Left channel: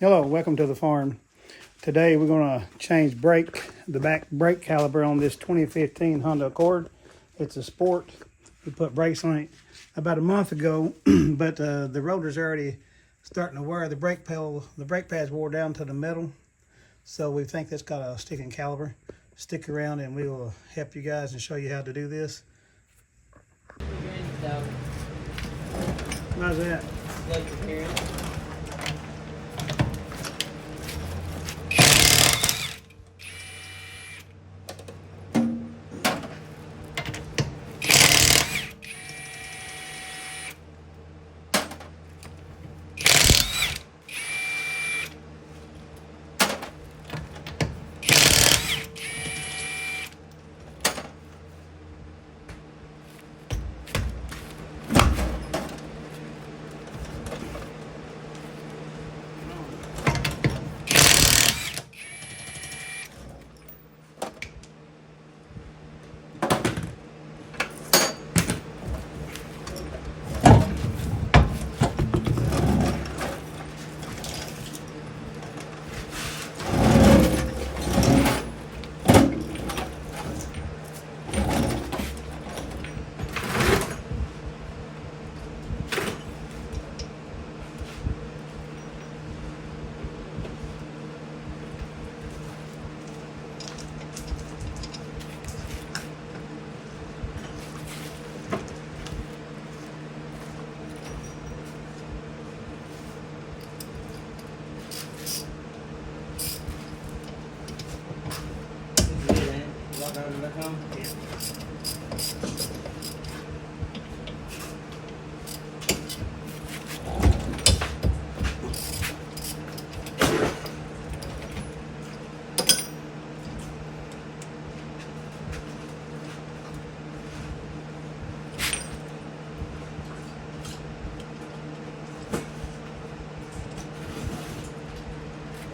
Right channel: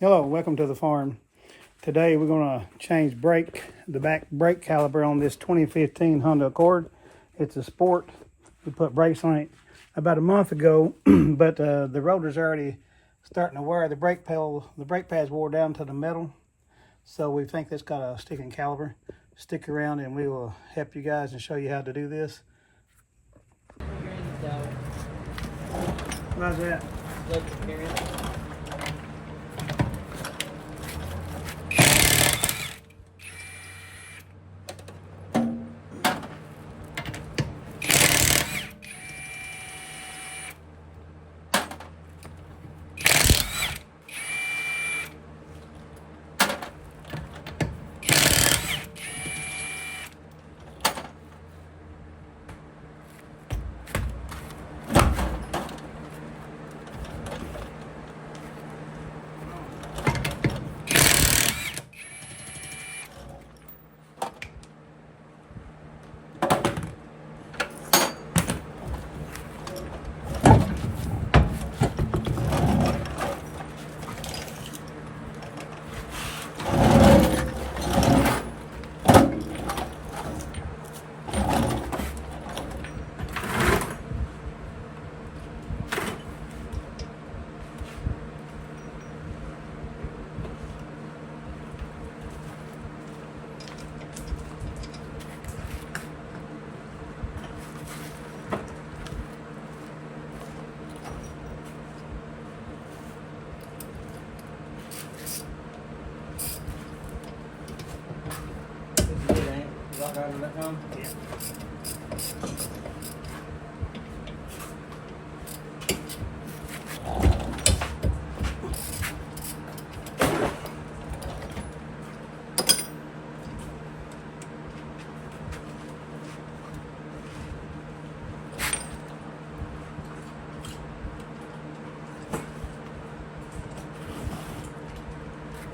Hello, welcome to the farm. Today we're going to change the back brake caliper on this 2015 Honda Accord. It's a Sport. We put brakes on it about a month ago, but the rotor's already starting to wear. The brake pads wore down to the metal, so we think that's got a sticking caliper. Stick around and we will help you guys and show you how to do this. How's that?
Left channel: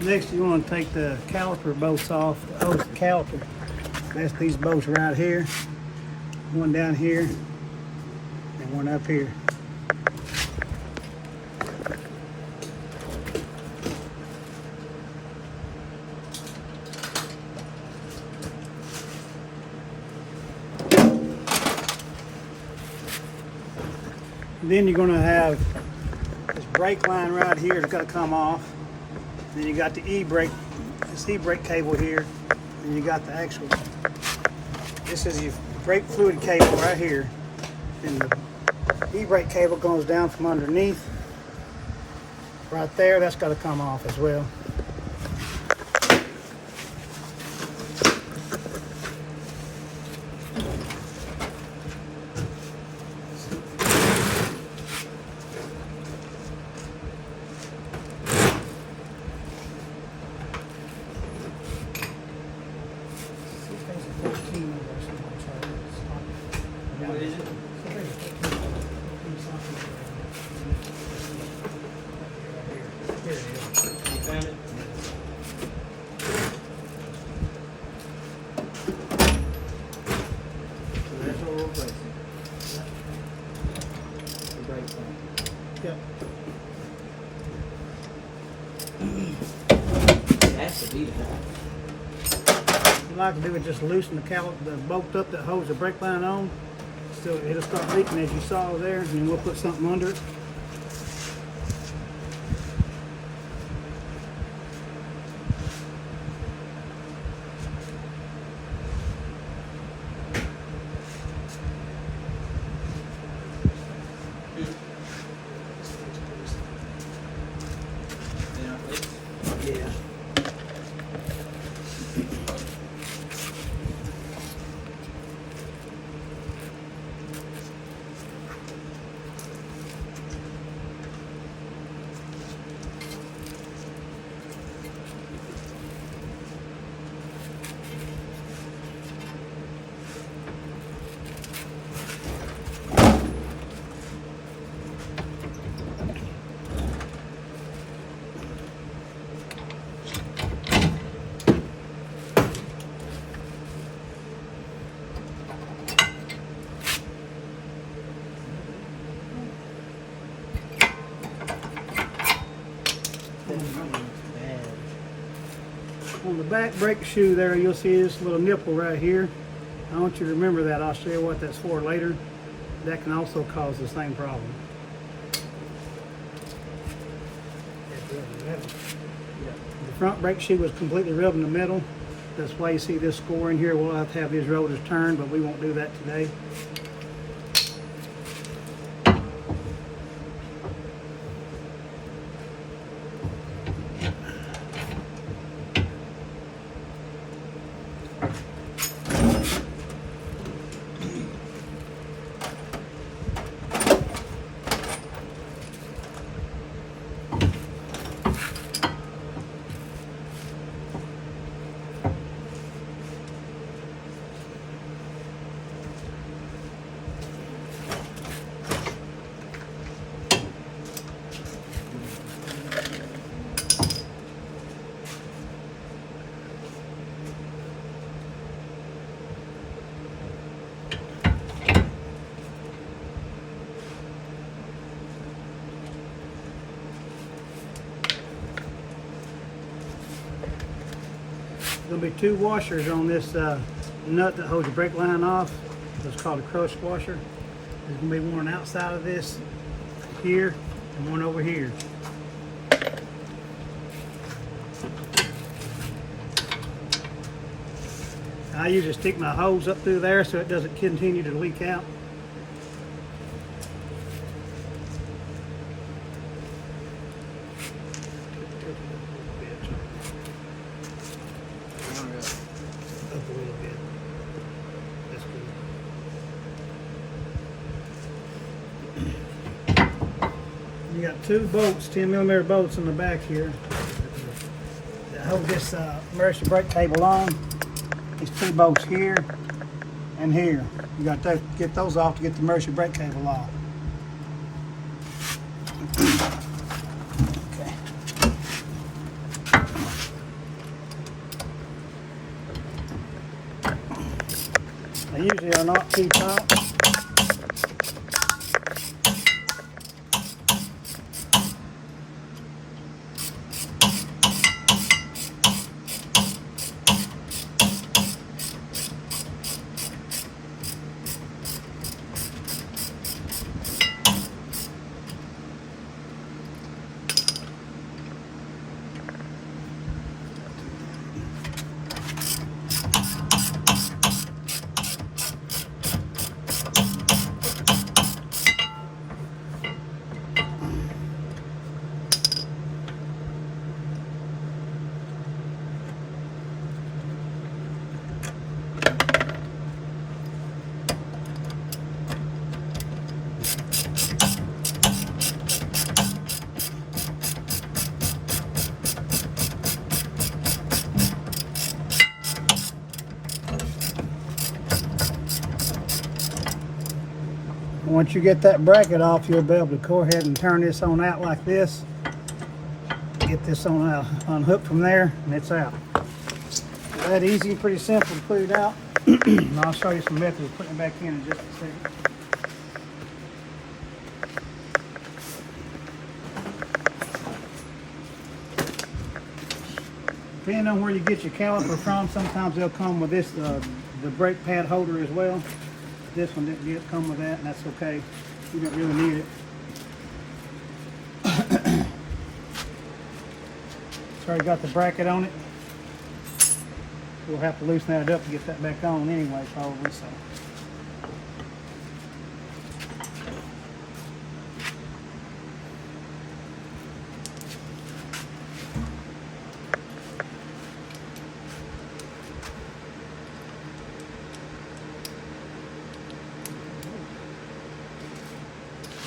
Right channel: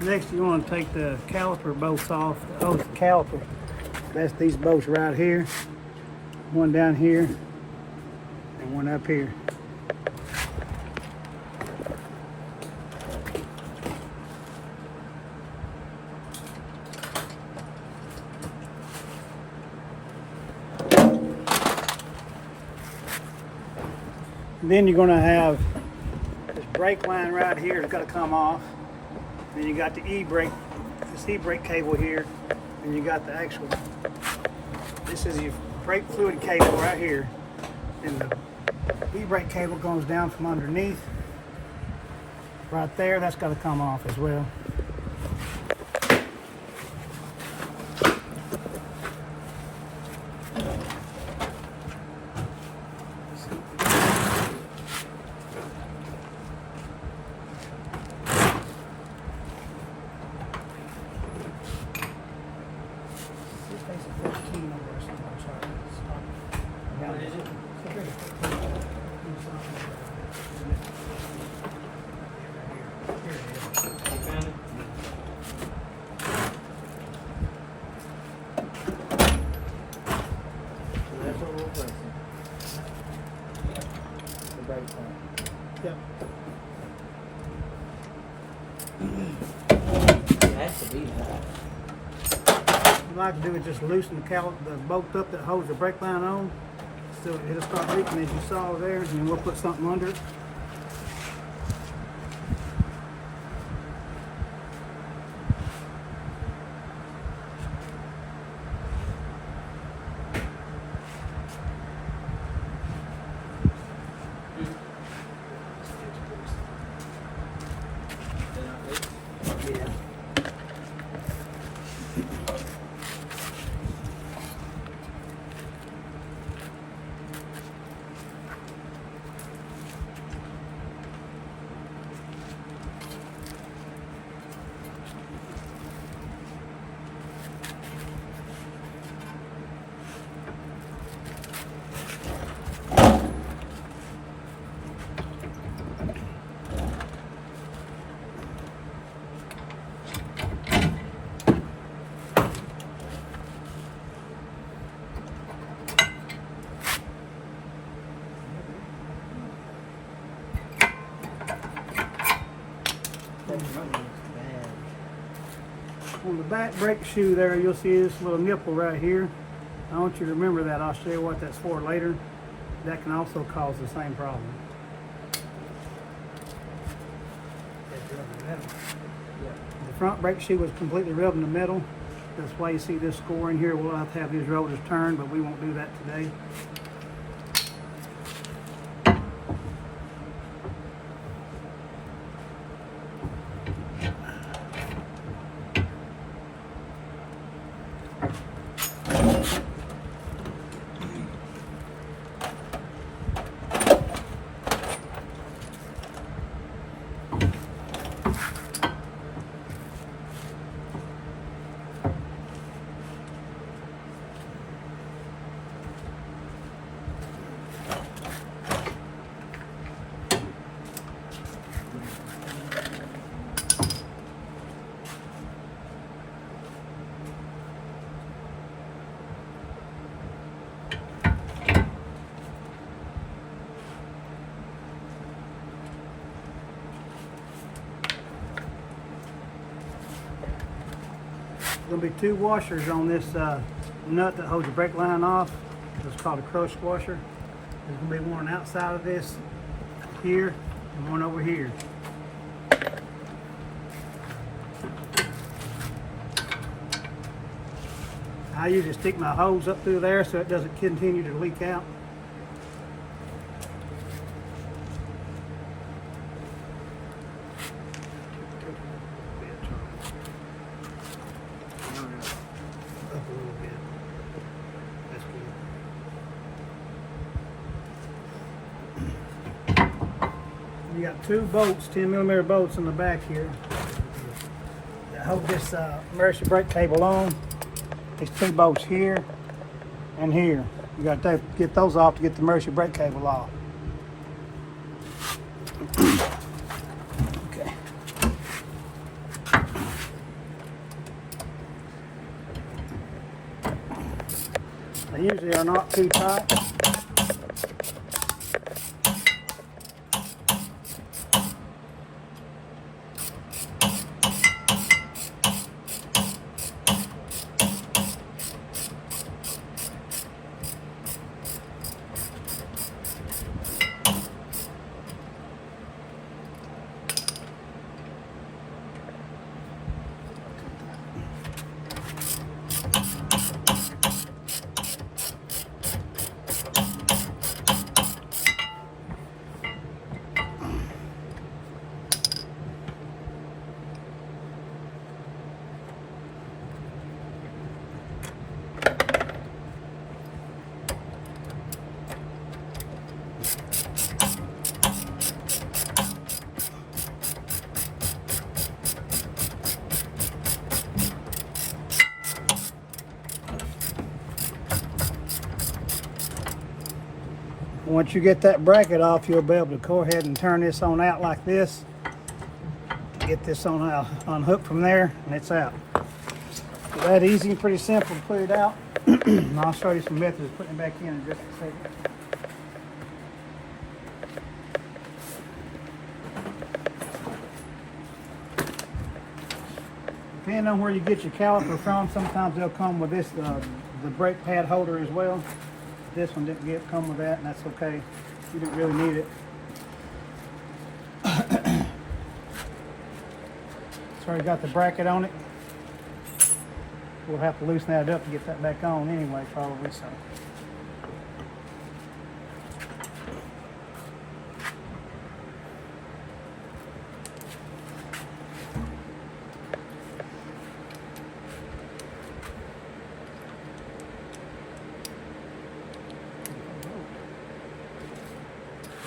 Next, you want to take the caliper bolts off, the hose caliper. That's these bolts right here. One down here and one up here. Then you're going to have this brake line right here is going to come off. Then you got the e-brake, this e-brake cable here, and you got the actual, this is your brake fluid cable right here, and the e-brake cable goes down from underneath, right there, that's got to come off as well. Yep. Has to be that. What you like to do is just loosen the bolt up that holds the brake line on. So it'll start leaking as you saw there, and then we'll put something under it. Yeah. On the back brake shoe there, you'll see this little nipple right here. I want you to remember that. I'll show you what that's for later. That can also cause the same problem. The front brake shoe was completely rubbed in the middle. That's why you see this score in here. We'll have to have these rotors turned, but we won't do that today. There'll be two washers on this nut that holds the brake line off. It's called a crush washer. There's going to be one outside of this here and one over here. I usually stick my hose up through there so it doesn't continue to leak out. Up a little bit. That's good. You got two bolts, 10mm bolts in the back here that hold this emergency brake cable on. These two bolts here and here. You got to get those off to get the emergency brake cable off. They usually are not too tight. Once you get that bracket off, you'll be able to go ahead and turn this on out like this. Get this on out, unhooked from there, and it's out. That easy, pretty simple to put it out. And I'll show you some methods of putting it back in just a second. Depending on where you get your caliper from, sometimes they'll come with this, the brake pad holder as well. This one didn't yet come with that, and that's okay. You don't really need it. It's already got the bracket on it. We'll have to loosen that up to get that back on anyway, probably so.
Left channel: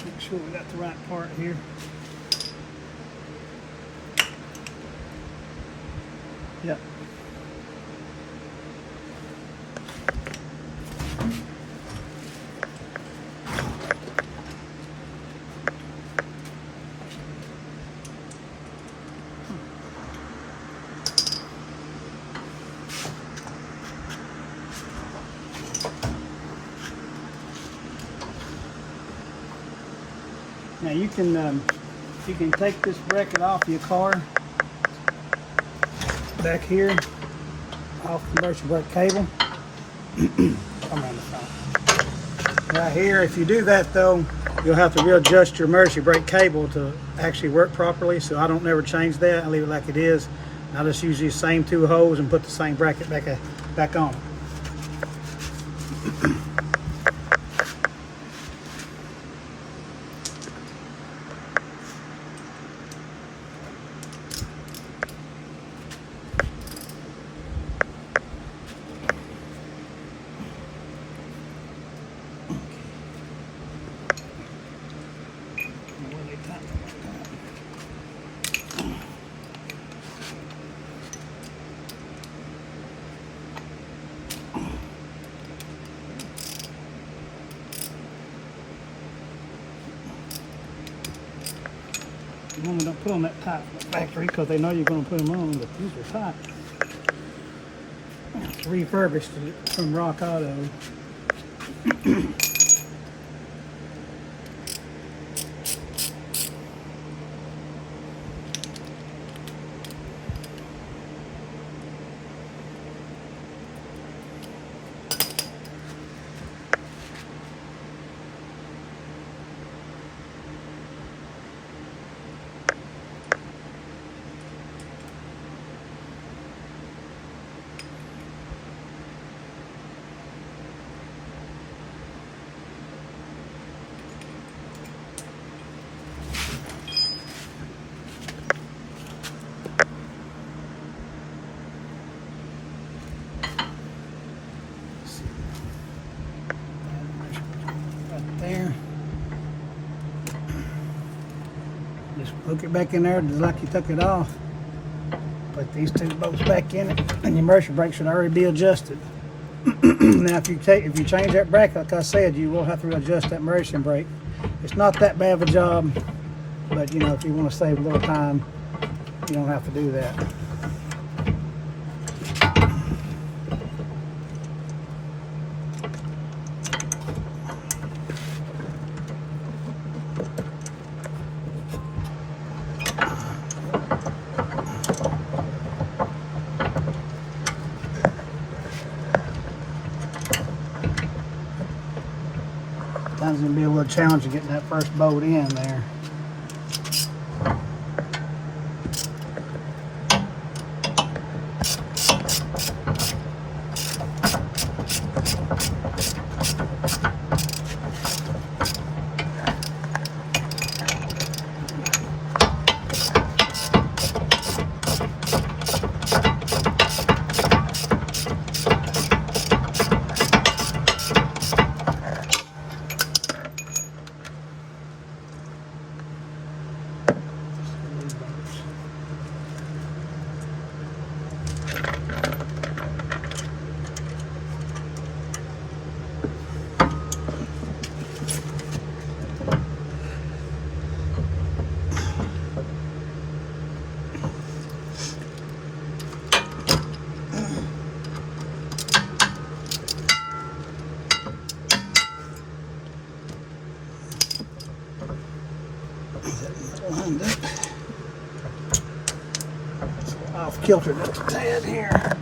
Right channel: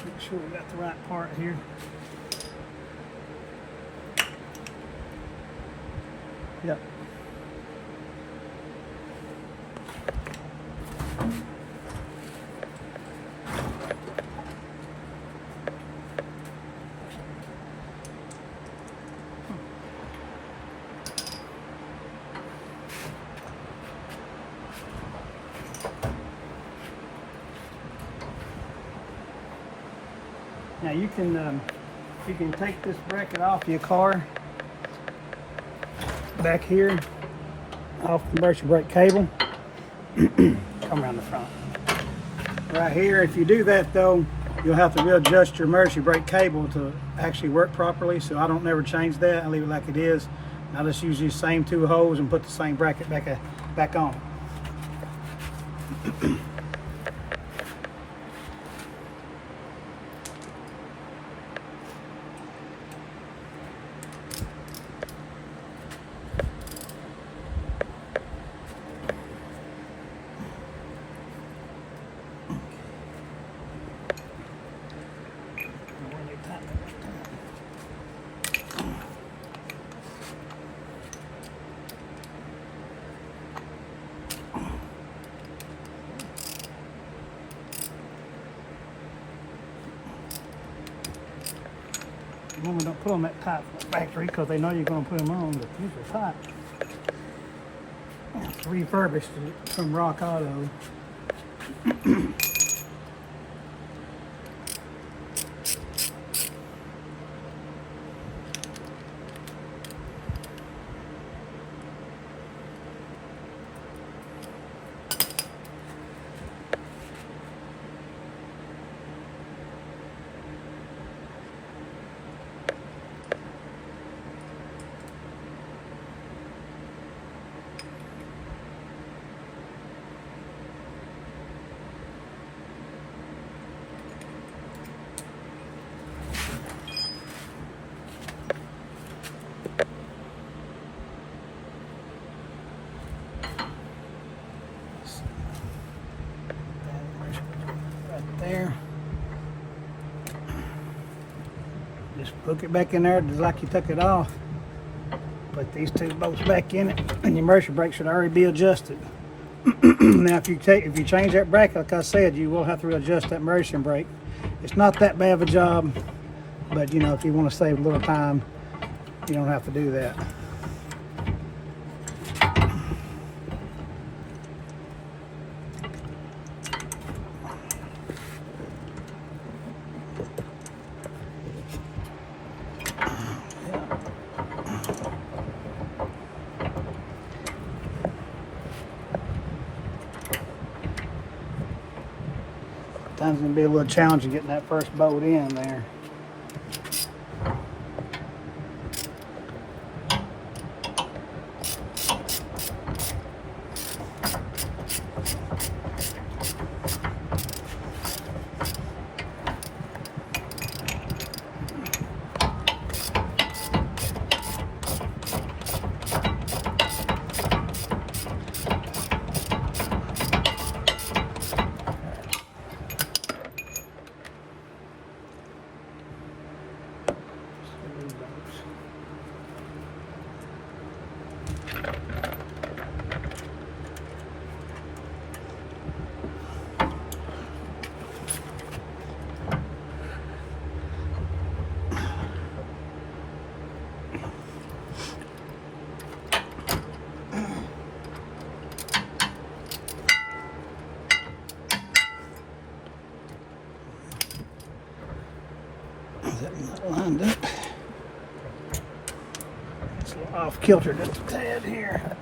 Make sure we got the right part here. Yep. Now you can take this bracket off your car back here off the emergency brake cable. Come around the front. Right here, if you do that though, you'll have to readjust your emergency brake cable to actually work properly. So I don't never change that. I leave it like it is. I just use these same two holes and put the same bracket back on. You normally don't put on that tight from the factory because they know you're going to put them on, but these are tight. It's refurbished from Rock Auto. Hook it back in there just like you took it off. Put these two bolts back in it, and your emergency brake should already be adjusted. Now, if you change that bracket, like I said, you will have to adjust that emergency brake. It's not that bad of a job, but you know, if you want to save a little time, you don't have to do that. That's going to be a little challenging getting that first bolt in there. Off kilter just a tad here.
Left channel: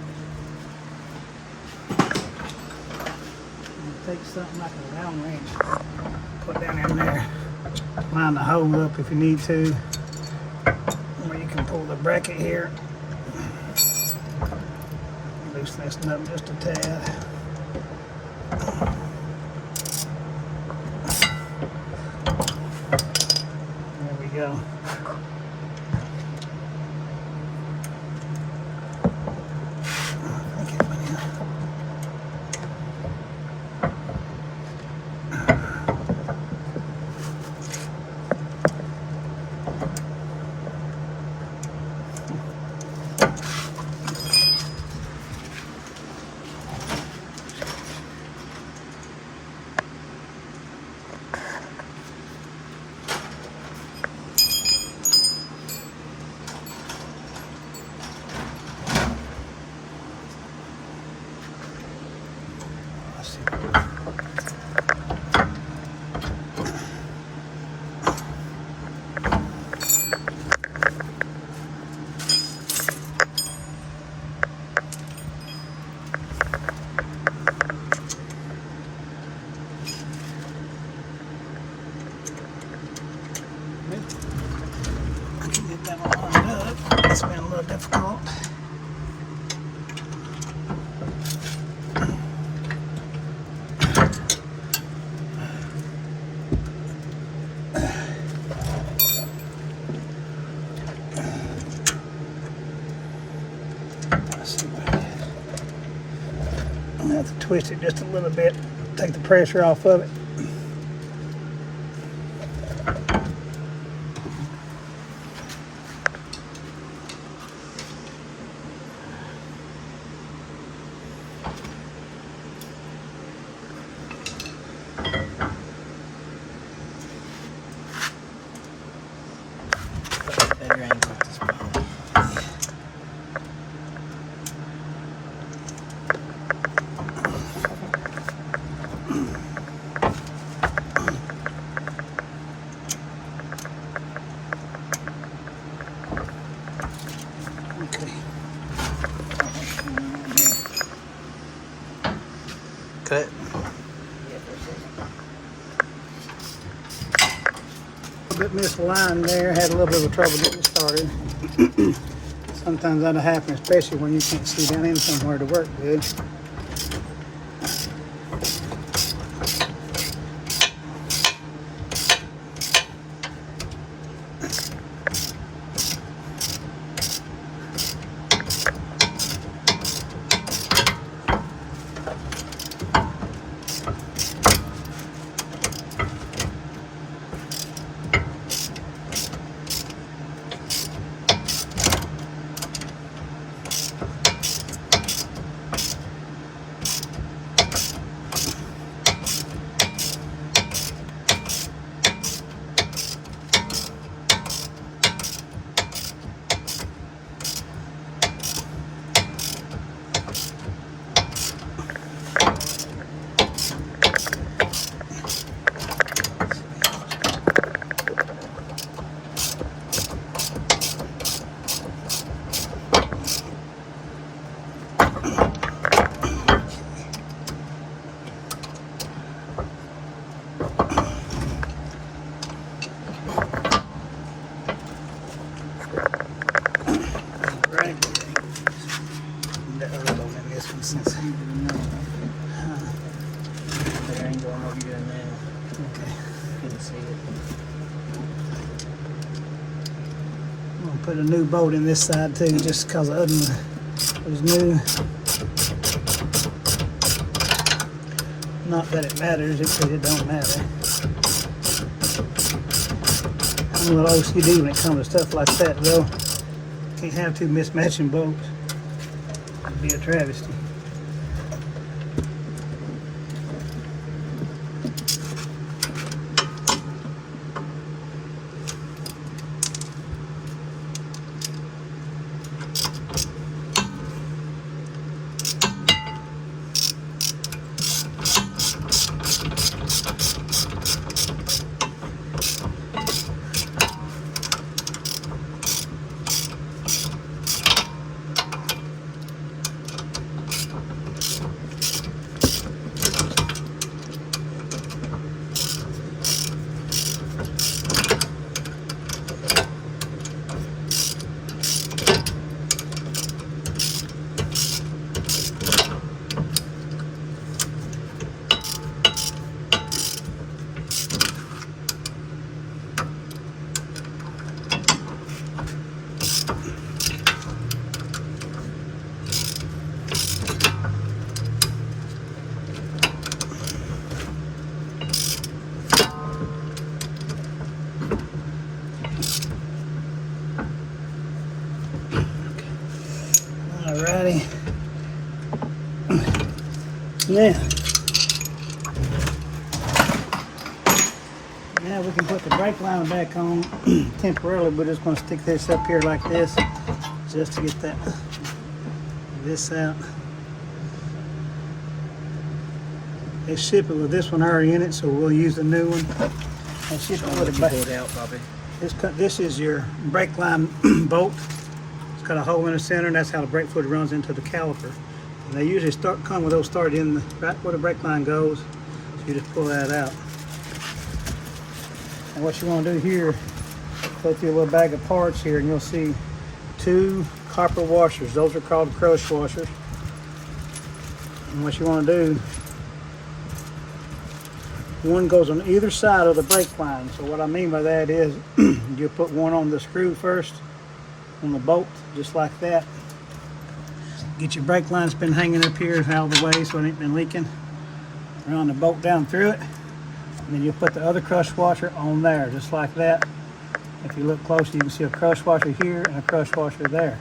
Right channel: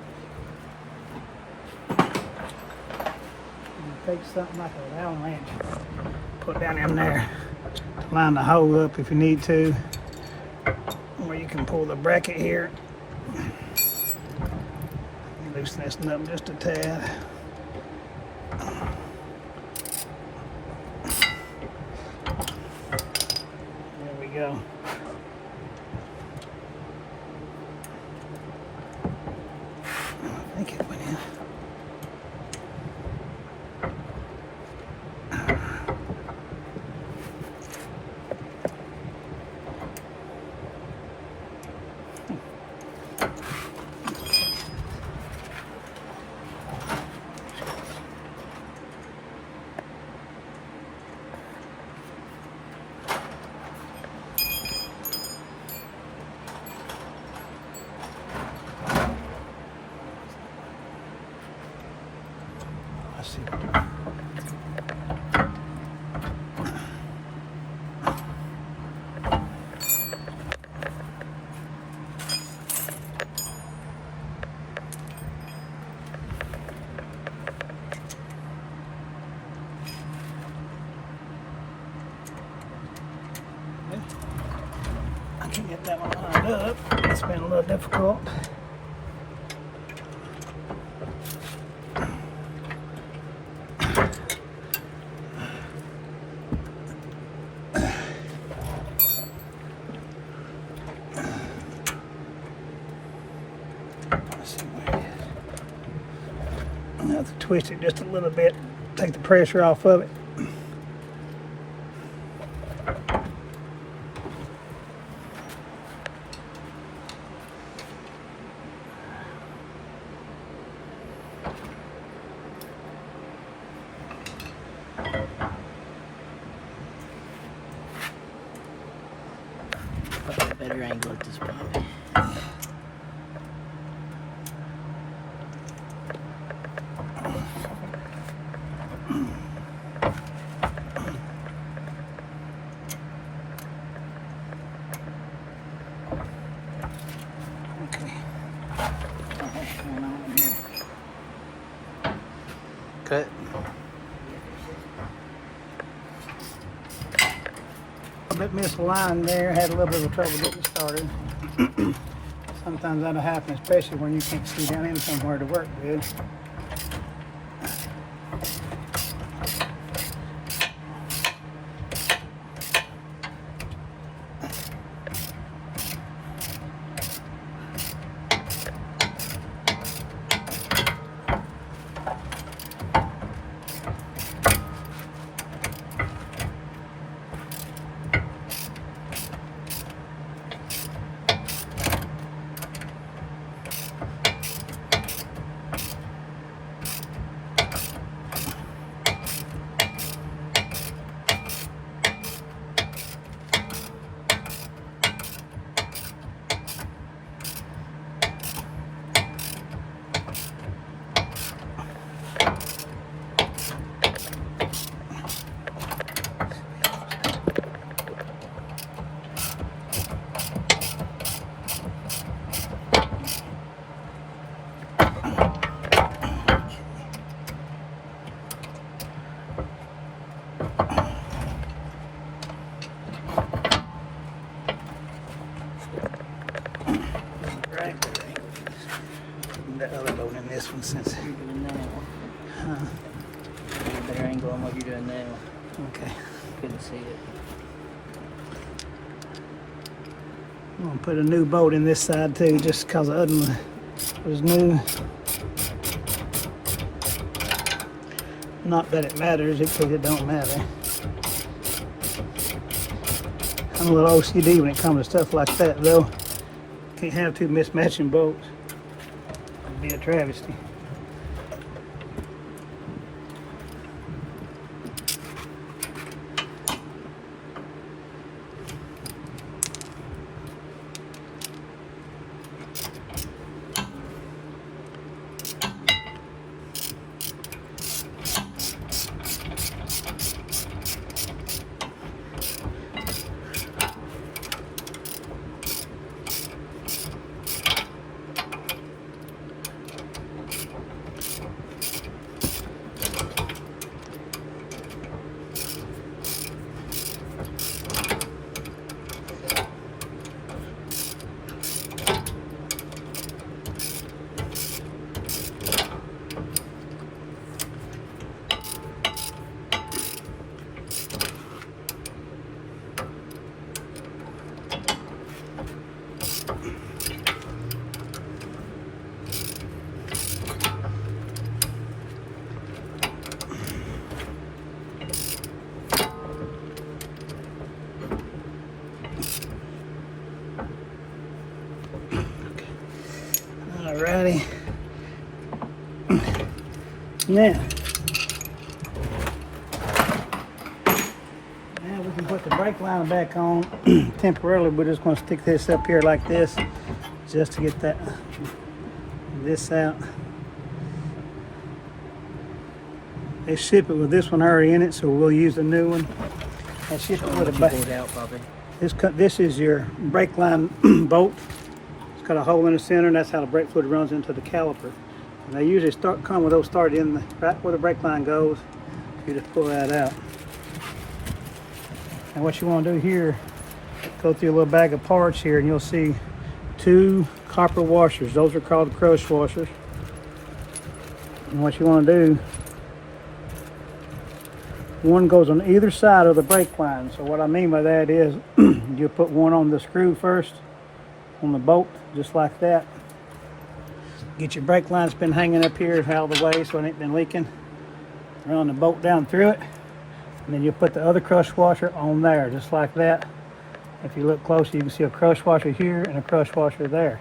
Take something like a Allen wrench, put down in there, line the hole up if you need to, or you can pull the bracket here, loosen this up just a tad. There we go. It's been a little difficult. I have to twist it just a little bit, take the pressure off of it. Better angle at this point. Cut. A bit misaligned there, had a little bit of trouble getting started. Sometimes that'll happen, especially when you can't see down in somewhere to work good. Put a new bolt in this side too, just because the other one was new. Not that it matters, it doesn't matter. I'm a little OCD when it comes to stuff like that, though. Can't have two mismatching bolts. It'd be a travesty. Alrighty. Now we can put the brake line back on temporarily. We're just going to stick this up here like this just to get this out. They ship it with this one already in it, so we'll use the new one. Show them what you pulled out, Bobby. This is your brake line bolt. It's got a hole in the center, and that's how the brake fluid runs into the caliper. And they usually come with those started in right where the brake line goes. So you just pull that out. And what you want to do here, go through a little bag of parts here, and you'll see 2 copper washers. Those are called crush washers. And what you want to do, one goes on either side of the brake line. So what I mean by that is you put one on the screw first, on the bolt, just like that. Get your brake line's been hanging up here out of the way so it ain't been leaking. Run the bolt down through it. And then you put the other crush washer on there, just like that. If you look closely, you can see a crush washer here and a crush washer there.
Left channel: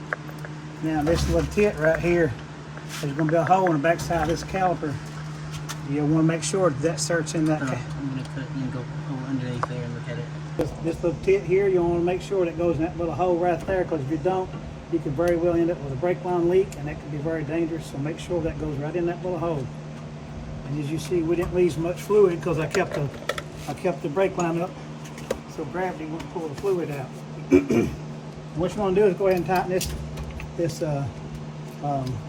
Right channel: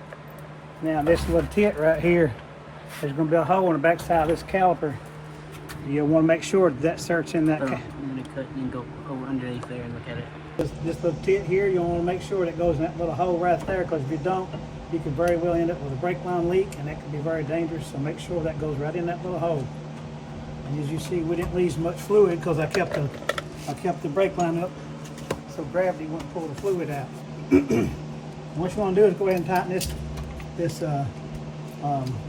Now this little tit right here, there's going to be a hole in the back side of this caliper. You want to make sure that starts in that. I'm going to cut. You can go over underneath there and look at it. This little tit here, you want to make sure that goes in that little hole right there, because if you don't, you could very well end up with a brake line leak, and that could be very dangerous. So make sure that goes right in that little hole. And as you see, we didn't lose much fluid because I kept the brake line up so gravity wouldn't pull the fluid out. What you want to do is go ahead and tighten this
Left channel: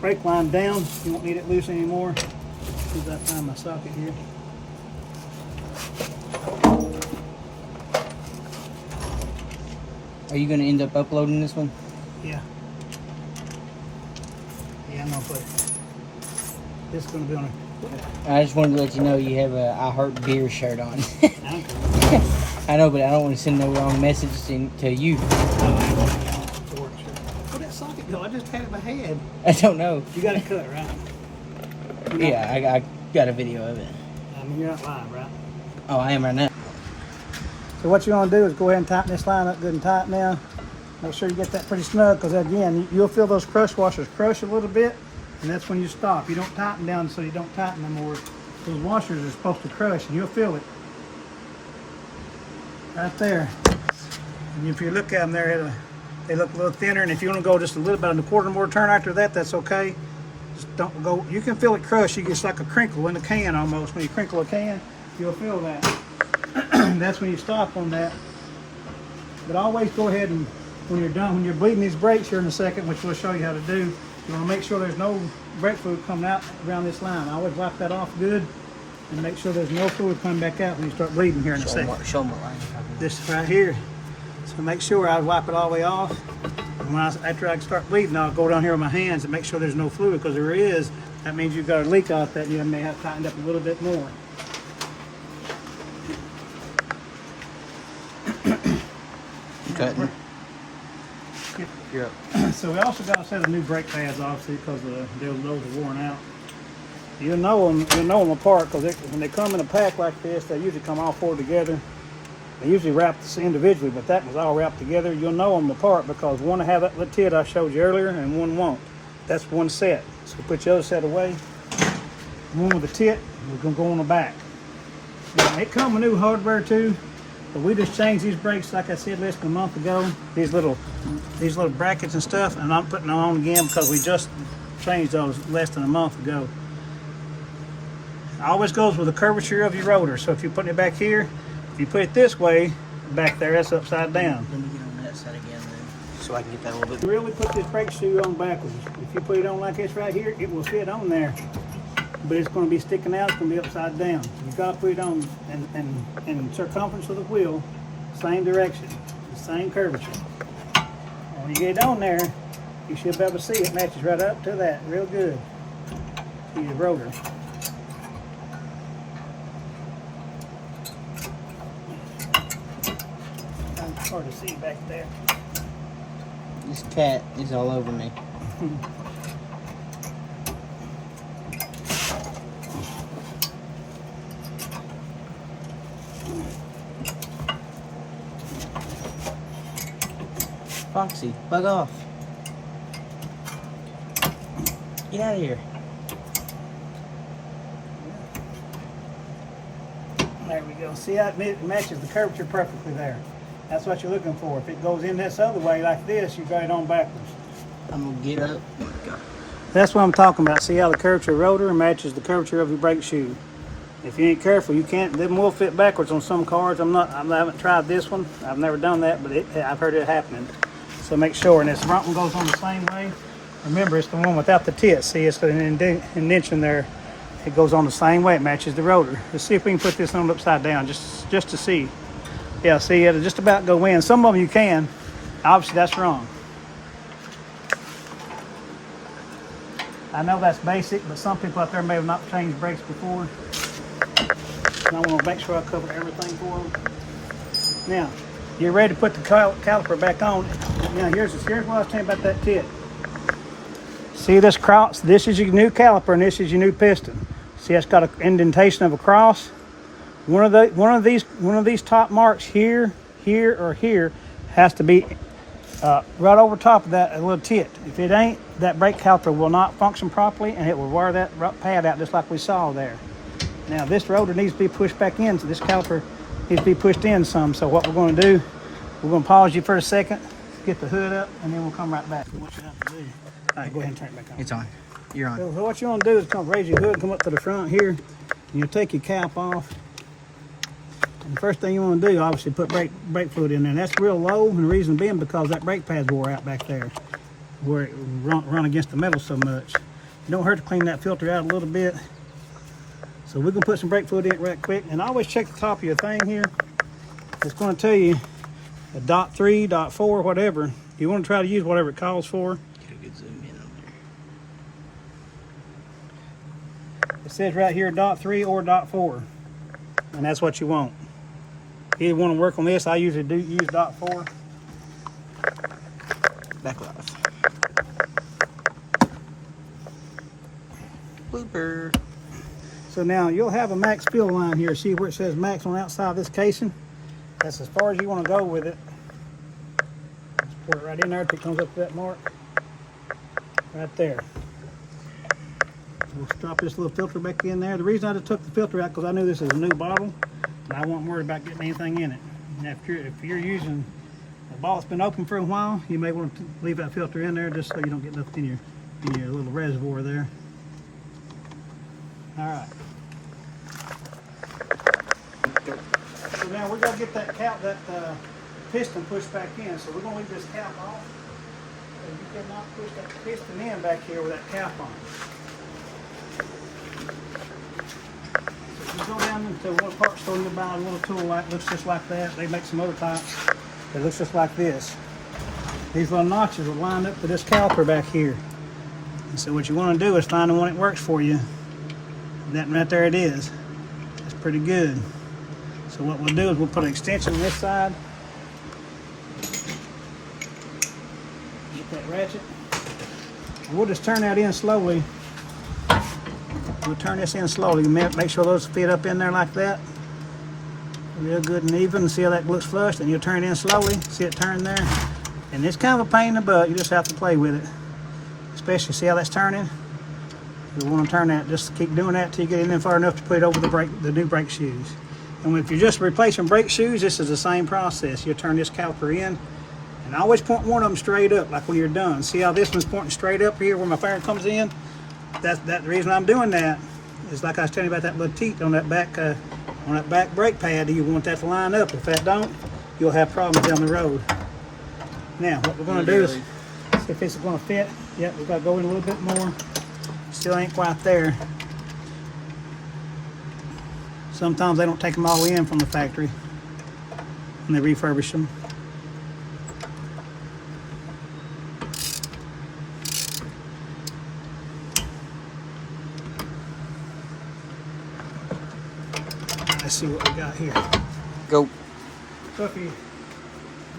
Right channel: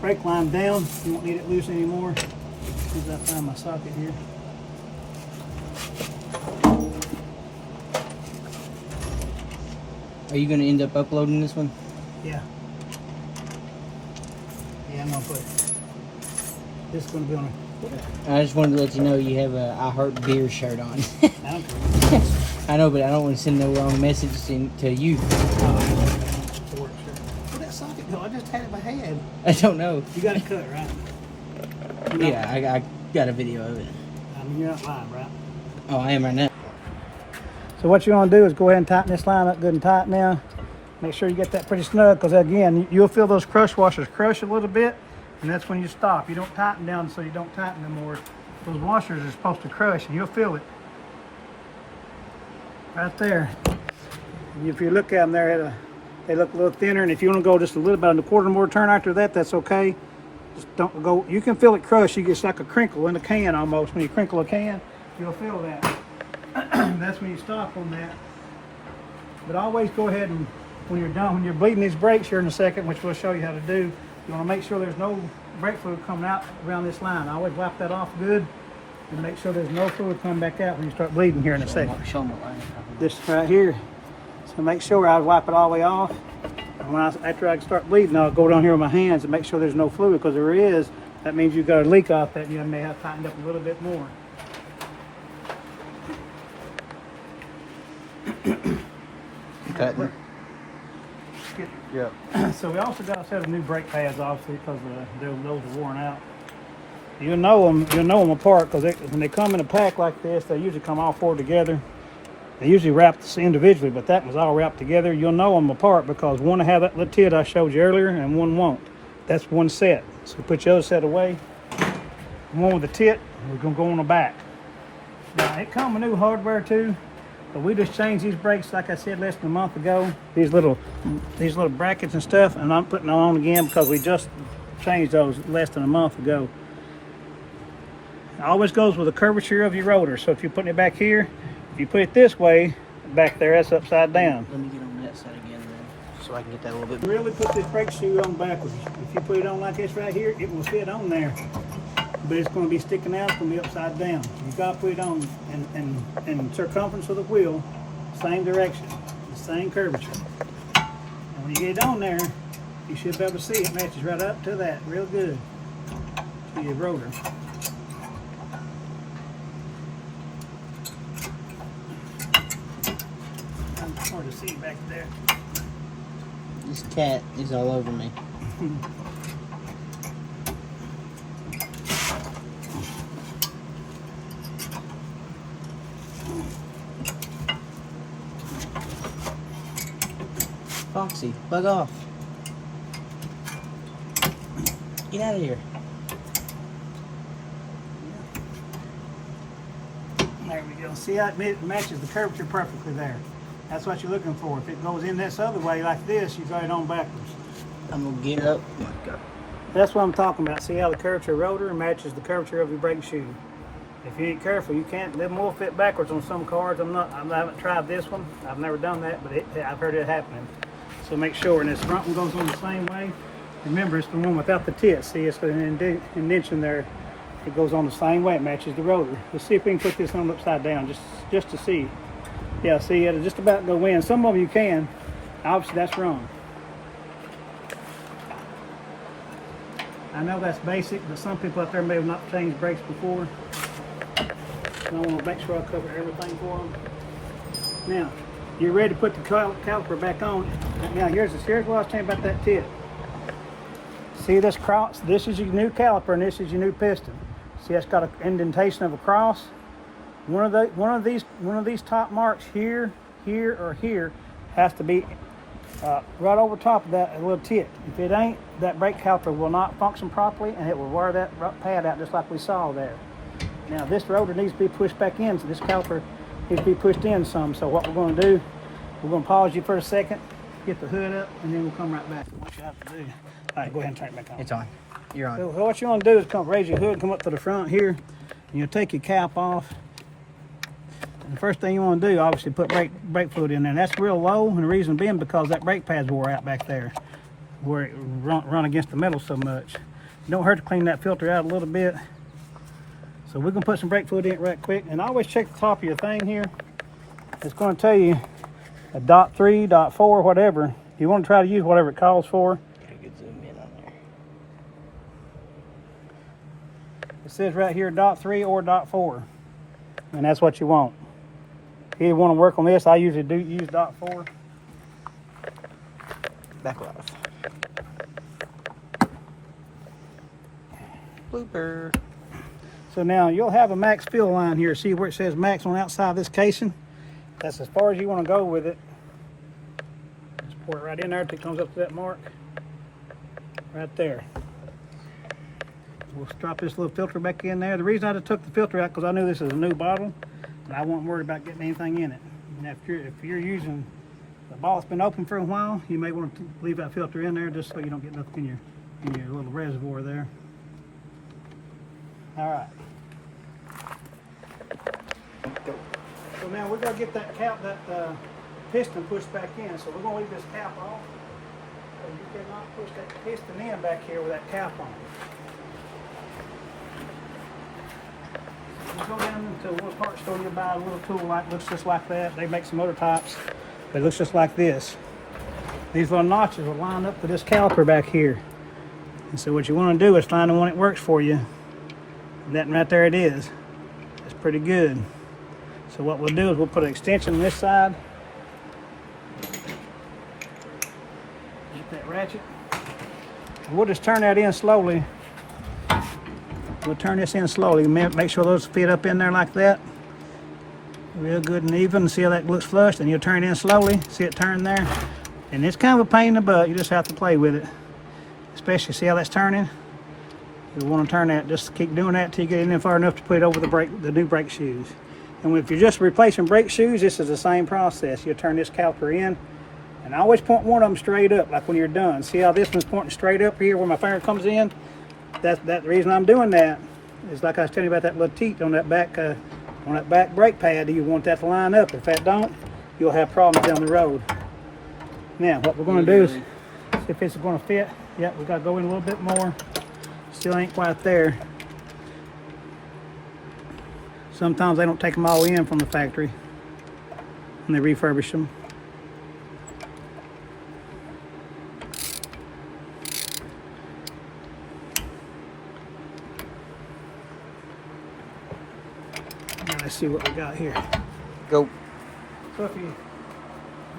brake line down. You won't need it loose anymore. As soon as I find my socket here. Are you going to end up uploading this one? Yeah. Yeah, I'm gonna put it. This is gonna be on I just wanted to let you know you have a I Heart Beer shirt on. a. I know, but I don't want to send no wrong message to you. Where'd that socket go? I just had it in my hand. I don't know. You got it cut, right? Yeah, I got a video of it. I mean, you're not live, right? Oh, I am right now. So what you're gonna do is go ahead and tighten this line up good and tight now. Make sure you get that pretty snug, because again, you'll feel those crush washers crush a little bit, and that's when you stop. You don't tighten down so you don't tighten them more. Those washers are supposed to crush, and you'll feel it. Right there. And if you look at them there, they look a little thinner, and if you want to go just a little about a quarter more turn after that, that's okay. Just don't go, you can feel it crush. It's like a crinkle in a can almost. When you crinkle a can, you'll feel that. That's when you stop on that. But always go ahead and, when you're done, when you're bleeding these brakes here in a second, which we'll show you how to do, you want to make sure there's no brake fluid coming out around this line. Always wipe that off good and make sure there's no fluid coming back out when you start bleeding here in a second. Show them what line. This right here. So make sure I wipe it all the way off. And when after I start bleeding, I'll go down here with my hands and make sure there's no fluid, because if there is, that means you've got a leak off that, and you may have tightened up a little bit more. Cutting. Yep. So we also got a set of new brake pads, obviously, because those are worn out. You'll know them apart, because when they come in a pack like this, they usually come all 4 together. They usually wrap this individually, but that was all wrapped together. You'll know them apart because one will have that little tit I showed you earlier, and one won't. That's one set. So put your other set away. The one with the tit, we're gonna go on the back. Now it come with new hardware too. But we just changed these brakes, like I said, less than a month ago. These little brackets and stuff, and I'm putting them on again because we just changed those less than a month ago. It always goes with the curvature of your rotor. So if you're putting it back here, if you put it this way, back there, that's upside down. Let me get on that side again then, so I can get that a little bit. Really put this brake shoe on backwards. If you put it on like this right here, it will fit on there. But it's going to be sticking out, it's going to be upside down. You've got to put it on in circumference of the wheel, same direction, the same curvature. And when you get it on there, you should be able to see it matches right up to that, real good, to your rotor. It's hard to see back there. This cat is all over me. Foxy, bug off. Get out of here. There we go. See how it matches the curvature perfectly there. That's what you're looking for. If it goes in this other way like this, you got it on backwards. I'm gonna get up. Oh my God. That's what I'm talking about. See how the curvature of the rotor matches the curvature of your brake shoe. If you ain't careful, you can't. Them will fit backwards on some cars. I haven't tried this one. I've never done that, but I've heard it happening. So make sure. And this front one goes on the same way. Remember, it's the one without the tit. See, it's got an indentation there. It goes on the same way. It matches the rotor. Let's see if we can put this one upside down, just to see. Yeah, see, it'll just about go in. Some of them you can. Obviously, that's wrong. I know that's basic, but some people out there may have not changed brakes before. And I want to make sure I cover everything for them. Now, you're ready to put the caliper back on. Now, here's what I was saying about that tip. See this cross? This is your new caliper, and this is your new piston. See, it's got an indentation of a cross. One of these top marks here, or here has to be right over top of that, a little tit. If it ain't, that brake caliper will not function properly, and it will wear that pad out just like we saw there. Now, this rotor needs to be pushed back in, so this caliper needs to be pushed in some. So what we're going to do, we're going to pause you for a second, get the hood up, and then we'll come right back. What you have to do. All right, go ahead and turn it back on. It's on. You're on. So what you want to do is come raise your hood, come up to the front here. You take your cap off. And the first thing you want to do, obviously, put brake fluid in there. And that's real low, and the reason being because that brake pad's wore out back there, where it run against the metal so much. It don't hurt to clean that filter out a little bit. So we're gonna put some brake fluid in it right quick. And always check the top of your thing here. It's gonna tell you a .3, .4, whatever. You want to try to use whatever it calls for. Get a good zoom in on there. It says right here .3 or .4, and that's what you want. If you want to work on this, I usually do use .4. Back off. Blooper. So now you'll have a max fill line here. See where it says max on the outside of this casing? That's as far as you want to go with it. Just pour it right in there until it comes up to that mark. Right there. We'll drop this little filter back in there. The reason I just took the filter out because I knew this is a new bottle, and I wasn't worried about getting anything in it. And if you're using a bottle that's been open for a while, you may want to leave that filter in there just so you don't get nothing in your little reservoir there. All right. So now we're gonna get that piston pushed back in. So we're gonna leave this cap off. So you cannot push that piston in back here with that cap on. So you go down into one part store, you'll buy a little tool like looks just like that. They make some other types that looks just like this. These little notches will line up to this caliper back here. And so what you want to do is find the one that works for you. That right there it is. It's pretty good. So what we'll do is we'll put an extension on this side. Get that ratchet. We'll just turn that in slowly. We'll turn this in slowly. Make sure those fit up in there like that. Real good and even. See how that looks flush? And you'll turn it in slowly. See it turn there? And it's kind of a pain in the butt. You just have to play with it. Especially see how that's turning? You want to turn that, just keep doing that till you get in there far enough to put it over the new brake shoes. And if you're just replacing brake shoes, this is the same process. You'll turn this caliper in, and I always point one of them straight up, like when you're done. See how this one's pointing straight up here where my finger comes in? That's the reason I'm doing that. Is like I was telling you about that little teat on that back brake pad. You want that to line up. If that don't, you'll have problems down the road. Now, what we're going to do is see if it's going to fit. Yep, we've got to go in a little bit more. Still ain't quite there. Sometimes they don't take them all in from the factory and they refurbish them. Let's see what we got here. Go. So if you're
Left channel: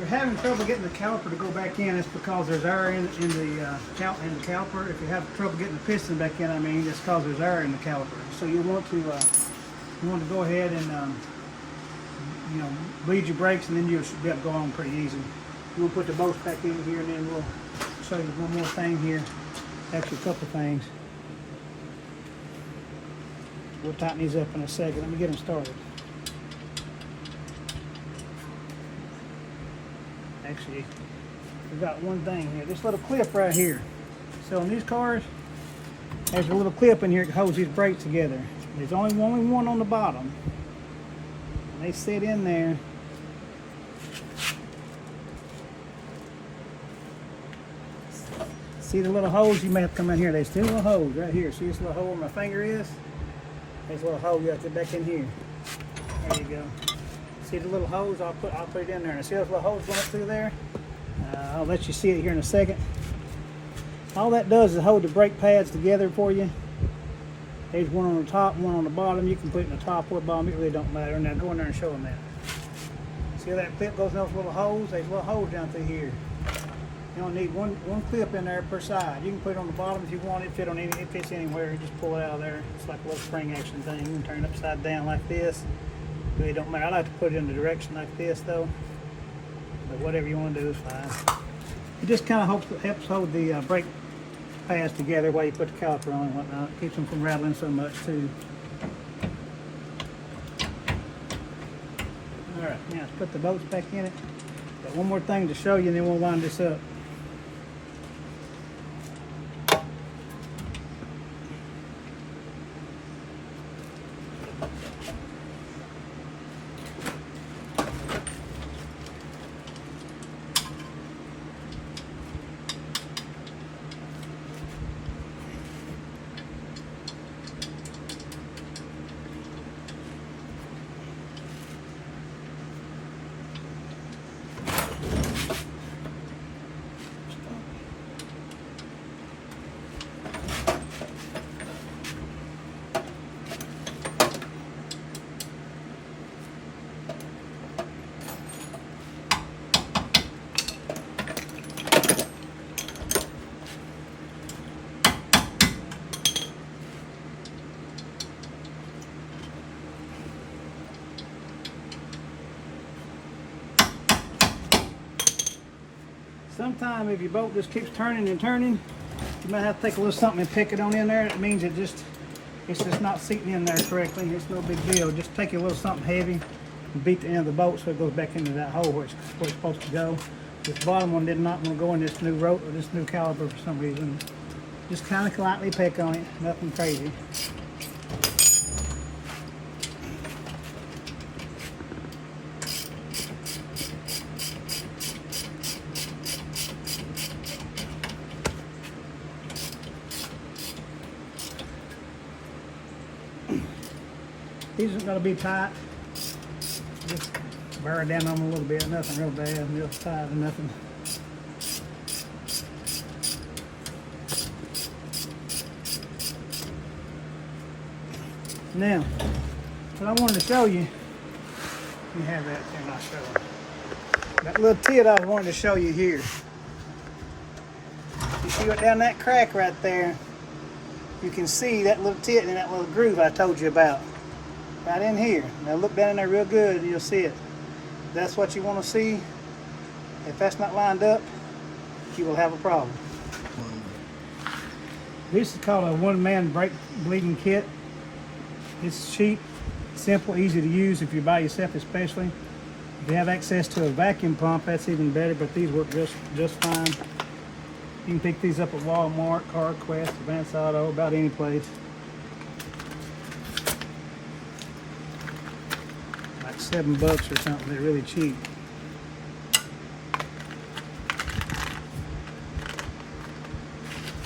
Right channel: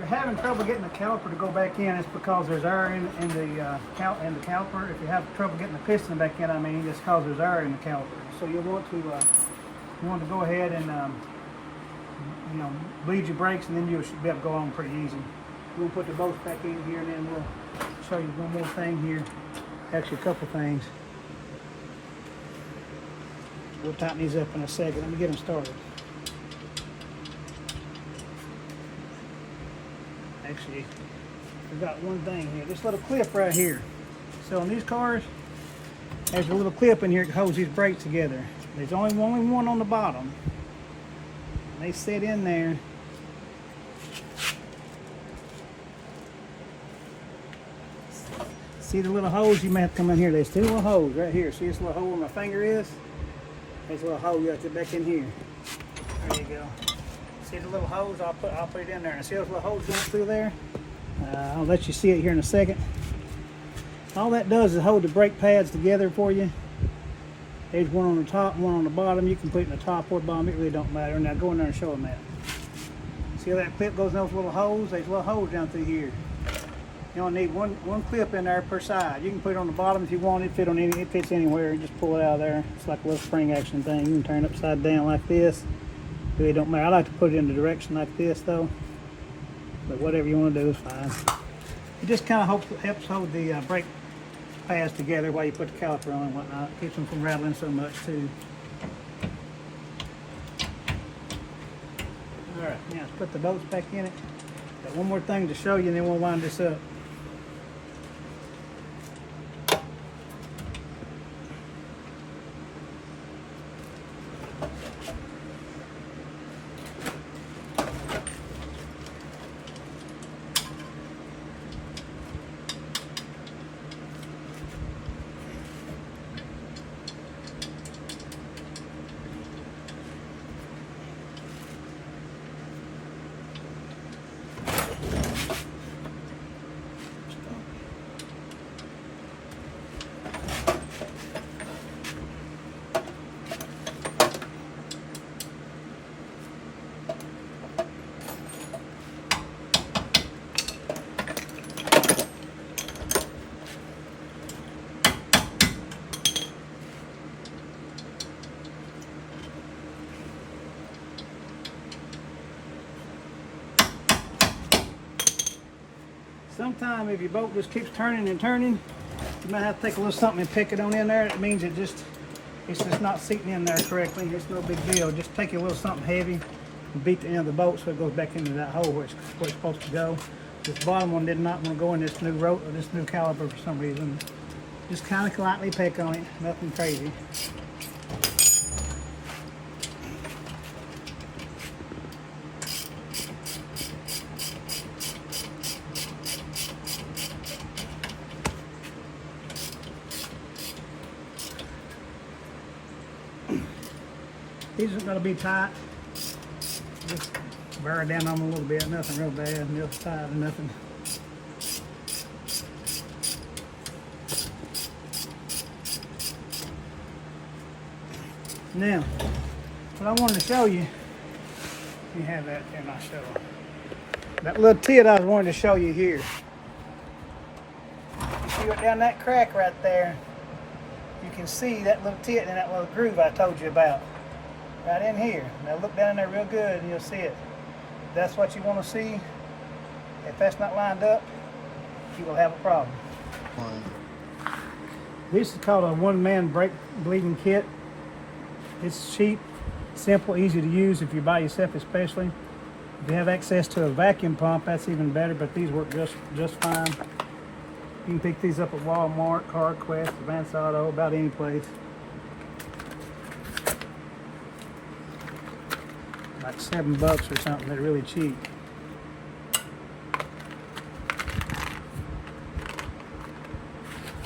having trouble getting the caliper to go back in, it's because there's air in the caliper. If you have trouble getting the piston back in, I mean, it's because there's air in the caliper. So you want to go ahead and bleed your brakes, and then you should be able to go on pretty easy. We'll put the bolts back in here, and then we'll show you one more thing here. Actually, a couple things. We'll tighten these up in a second. Let me get them started. Actually, we've got one thing here. This little clip right here. So in these cars, there's a little clip in here that holds these brakes together. There's only one on the bottom. And they sit in there. See the little holes? You may have to come in here. There's two little holes right here. See this little hole where my finger is? There's a little hole. You have to get back in here. There you go. See the little holes? I'll put it in there. And see those little holes going up through there? I'll let you see it here in a second. All that does is hold the brake pads together for you. There's one on the top, one on the bottom. You can put it in the top or the bottom, it really don't matter. Now go in there and show them that. See how that clip goes in those little holes? There's little holes down through here. You only need one clip in there per side. You can put it on the bottom if you want it. It fits anywhere. You just pull it out of there. It's like a little spring action thing. You can turn it upside down like this. It really don't matter. I like to put it in the direction like this though. But whatever you want to do is fine. It just kind of helps hold the brake pads together while you put the caliper on and whatnot. Keeps them from rattling so much too. Alright, now let's put the bolts back in it. Got one more thing to show you and then we'll wind this up. Sometimes if your bolt just keeps turning and turning, you might have to take a little something and pick it on in there. It means it's just not seating in there correctly. It's no big deal. Just take a little something heavy and beat the end of the bolt so it goes back into that hole where it's supposed to go. This bottom one did not want to go in this new this new caliper for some reason. Just kind of lightly pick on it, nothing crazy. These are going to be tight. Just bear down on them a little bit. Nothing real bad, real tight or nothing. Now, what I wanted to show you, let me have that there and I'll show you. That little tit I wanted to show you here. You see it down that crack right there? You can see that little tit in that little groove I told you about. Right in here. Now look down in there real good and you'll see it. That's what you want to see. If that's not lined up, you will have a problem. This is called a one-man brake bleeding kit. It's cheap, simple, easy to use if you're by yourself especially. If you have access to a vacuum pump, that's even better, but these work just fine. You can pick these up at Walmart, CarQuest, Advance Auto, about any place. Like $7 or something. They're really cheap.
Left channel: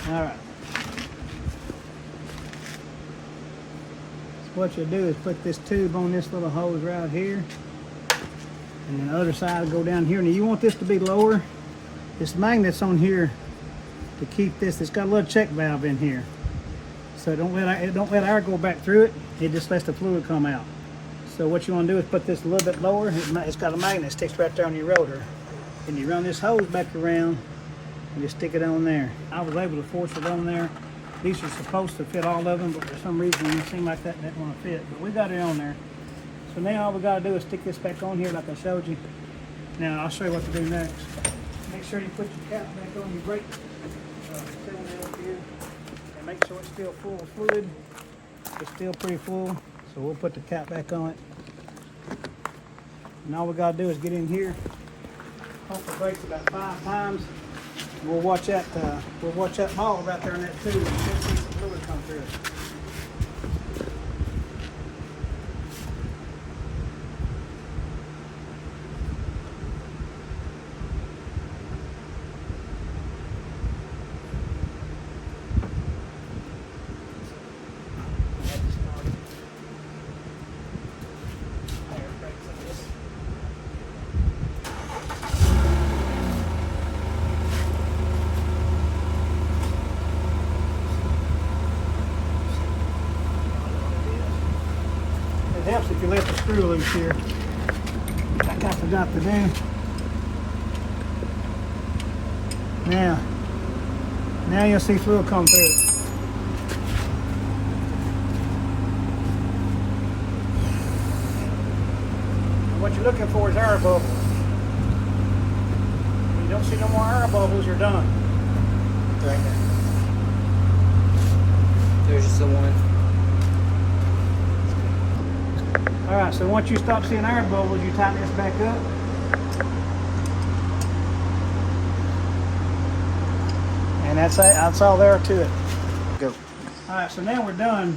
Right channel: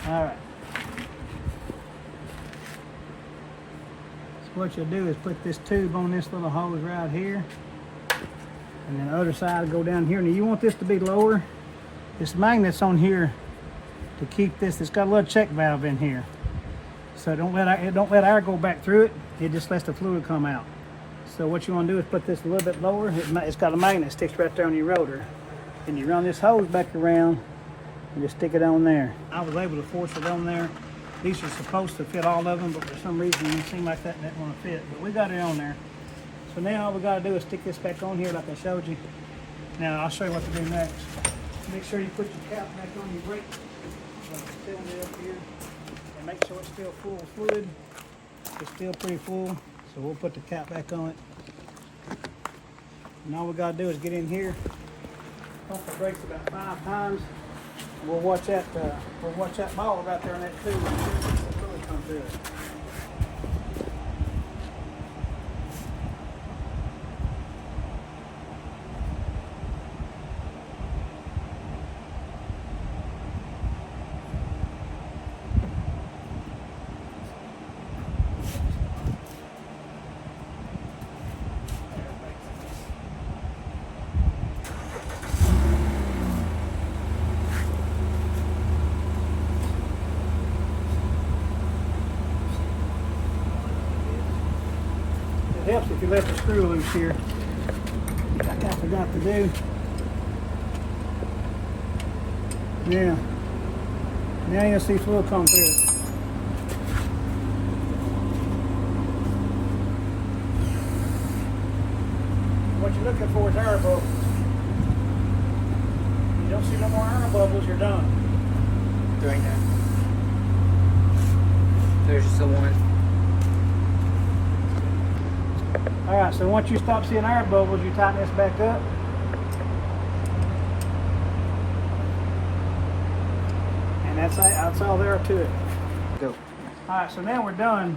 All right. So what you'll do is put this tube on this little hose right here, and then the other side will go down here. Now you want this to be lower. This magnet's on here to keep this. It's got a little check valve in here, so don't let air go back through it. It just lets the fluid come out. So what you want to do is put this a little bit lower. It's got a magnet that sticks right there on your rotor. And you run this hose back around and just stick it on there. I was able to force it on there. These are supposed to fit all of them, but for some reason it seemed like that didn't want to fit. But we got it on there. So now all we got to do is stick this back on here like I showed you. Now I'll show you what to do next. Make sure you put your cap back on your brake cylinder up here. And make sure it's still full of fluid. It's still pretty full. So we'll put the cap back on it. And all we gotta do is get in here, pump the brakes about 5 times. We'll watch that ball out there in that tube and see some fluid come through it. got the screw loose here. Like I forgot to do. Now you'll see fluid come through it. What you're looking for is air bubbles. If you don't see no more air bubbles, you're done. Right there. There's just the one. All right, so once you stop seeing air bubbles, you tighten this back up. And that's all there to it. Go. All right, so now we're done.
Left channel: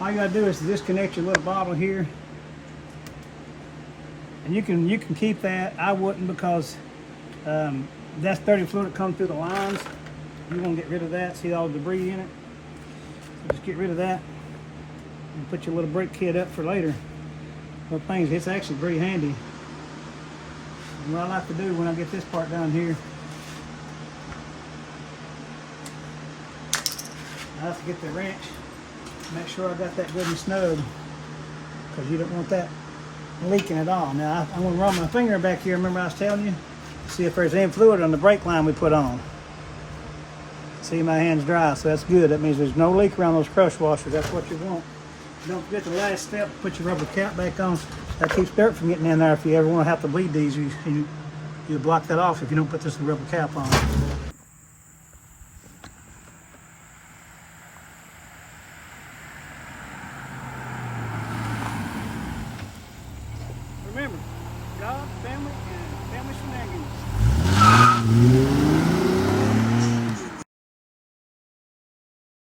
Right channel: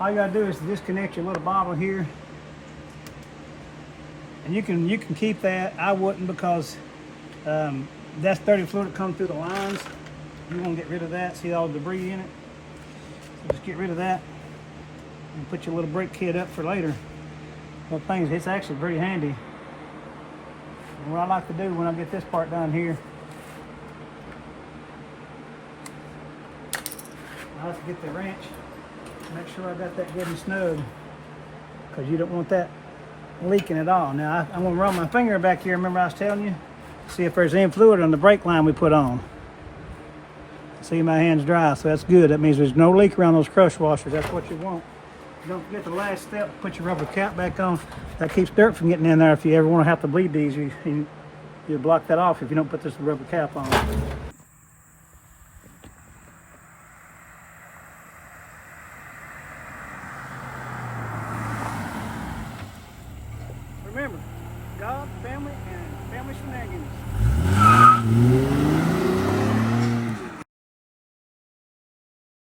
All you gotta do is disconnect your little bottle here. And you can keep that. I wouldn't, because that's dirty fluid that comes through the lines. You want to get rid of that. See all the debris in it? So just get rid of that and put your little brake kit up for later. Well, things, it's actually pretty handy. And what I like to do when I get this part down here, I have to get the wrench, make sure I got that good and snug, because you don't want that leaking at all. Now I'm going to run my finger back here, remember I was telling you? See if there's any fluid on the brake line we put on. See, my hand's dry, so that's good. That means there's no leak around those crush washers. That's what you want. Don't forget the last step, put your rubber cap back on. That keeps dirt from getting in there. If you ever want to have to bleed these, you block that off if you don't put this rubber cap on. Remember, God, family, and family shenanigans.